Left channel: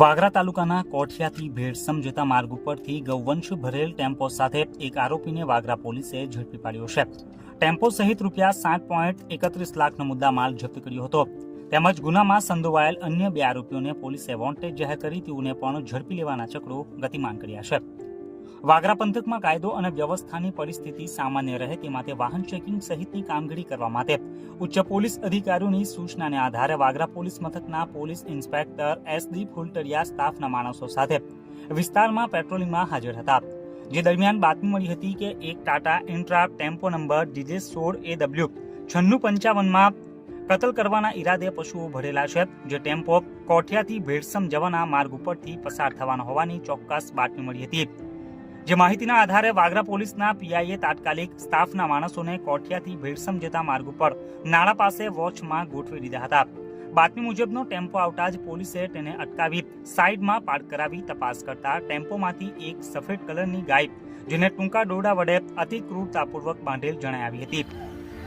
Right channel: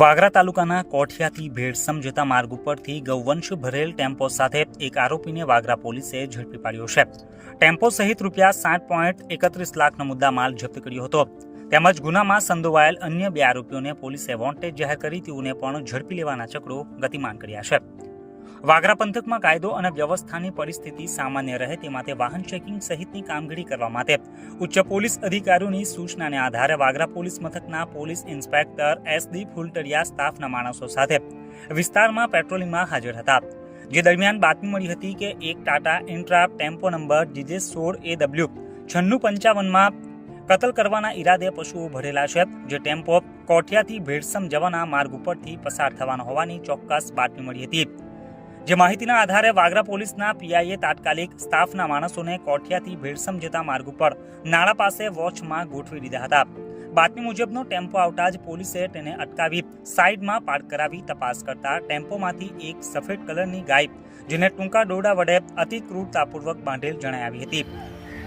વાગરા તાલુકાના કોઠિયાથી ભેળસમ જતા માર્ગ ઉપરથી ગૌવંશ ભરેલ ટેમ્પો સાથે એક આરોપીને વાગરા પોલીસે ઝડપી પાડ્યો છે. ટેમ્પો સહિત ₹7.31 લાખનો મુદ્દામાલ જપ્ત કર્યો હતો. તેમજ ગુનામાં સંડોવાયેલ અન્ય 2 આરોપીઓને પોલીસે વોન્ટેડ જાહેર કરી તેઓને પણ ઝડપી લેવાના ચક્રો ગતિમાન કર્યા છે. વાગરા પંથકમાં કાયદો અને વ્યવસ્થાની પરિસ્થિતિ સામાન્ય રહે તે માટે વાહન ચેકિંગ સહિતની કામગીરી કરવા માટે ઉચ્ચ પોલીસ અધિકારીઓની સૂચનાને આધારે વાગરા પોલીસ મથકના પોલીસ ઇન્સ્પેક્ટર SD ફુલટરિયા સ્ટાફના માણસો સાથે વિસ્તારમાં પેટ્રોલિંગમાં હાજર હતા. જે દરમિયાન બાતમી મળી હતી કે એક Tata intra tempo number DJ16AW 9655માં કતલ કરવાના ઈરાદે પશુઓ ભરેલા છે. જે ટેમ્પો કોઠિયાથી ભેળસમ જવાના માર્ગ ઉપરથી પસાર થવાનો હોવાની ચોક્કસ બાતમી મળી હતી. જે માહિતીના આધારે વાગરા પોલીસના PIએ તાત્કાલિક સ્ટાફના માણસોને કોઠિયાથી ભેળસમ જતા માર્ગ ઉપર નાળા પાસે વોચમાં ગોઠવી દીધા હતા. બાતમી મુજબનો ટેમ્પો આવતા જ પોલીસે તેને અટકાવી સાઈડમાં પાર્ક કરાવી તપાસ કરતા ટેમ્પોમાંથી એક સફેદ કલરની ગાય જેને ટૂંકા દોરડા વડે અતિ ક્રૂરતાપૂર્વક બાંધેલ જણાઈ આવી હતી.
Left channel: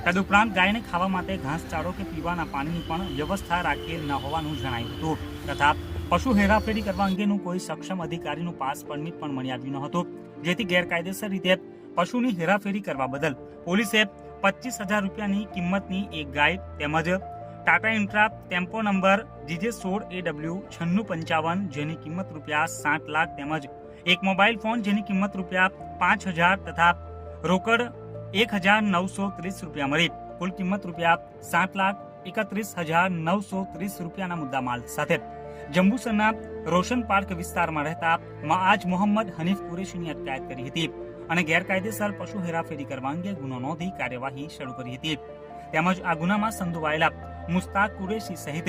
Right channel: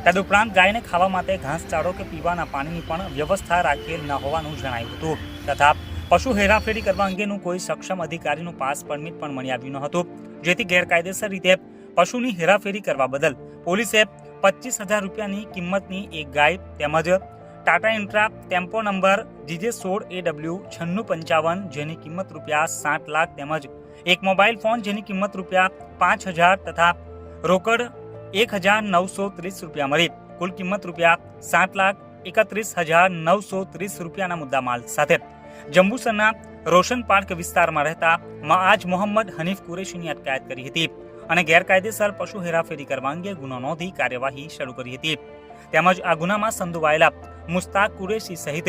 તદુપરાંત ગાયને ખાવા માટે ઘાસચારો કે પીવાના પાણીની પણ વ્યવસ્થા રાખેલ ન હોવાનું જણાયું હતું તથા પશુ હેરાફેરી કરવા અંગેનું કોઈ સક્ષમ અધિકારીનું પાસ પરમિટ પણ મળી આવ્યું ન હતું. જેથી ગેરકાયદેસર રીતે પશુની હેરાફેરી કરવા બદલ પોલીસે ₹25,000ની કિંમતની એક ગાય તેમજ Tata intra tempo number DJ16AW 9655 જેની કિંમત ₹7 લાખ તેમજ એક મોબાઈલ ફોન જેની કિંમત ₹5,000 તથા રોકડ ₹1,930 મળી કુલ કિંમત ₹7,31,930 મુદ્દામાલ સાથે જંબુસરના રોશન પાર્ક વિસ્તારમાં રહેતા મઆજ મોહમ્મદ હનીફ કુરેશીની અટકાયત કરી હતી અને ગેરકાયદેસર પશુ હેરાફેરી કરવા અંગે ગુનો નોંધી કાર્યવાહી શરૂ કરી હતી. તેમજ આ ગુનામાં સંડોવાયેલા મુસ્તાક કુરેશી સહિત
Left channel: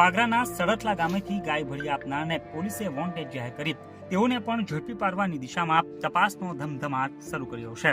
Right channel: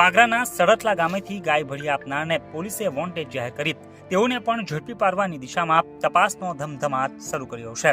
વાગરાના સડથલા ગામેથી ગાય ભળી આપનારને પોલીસે વોન્ટેડ જાહેર કરી તેઓને પણ ઝડપી પાડવાની દિશામાં તપાસનો ધમધમાટ શરૂ કર્યો છે.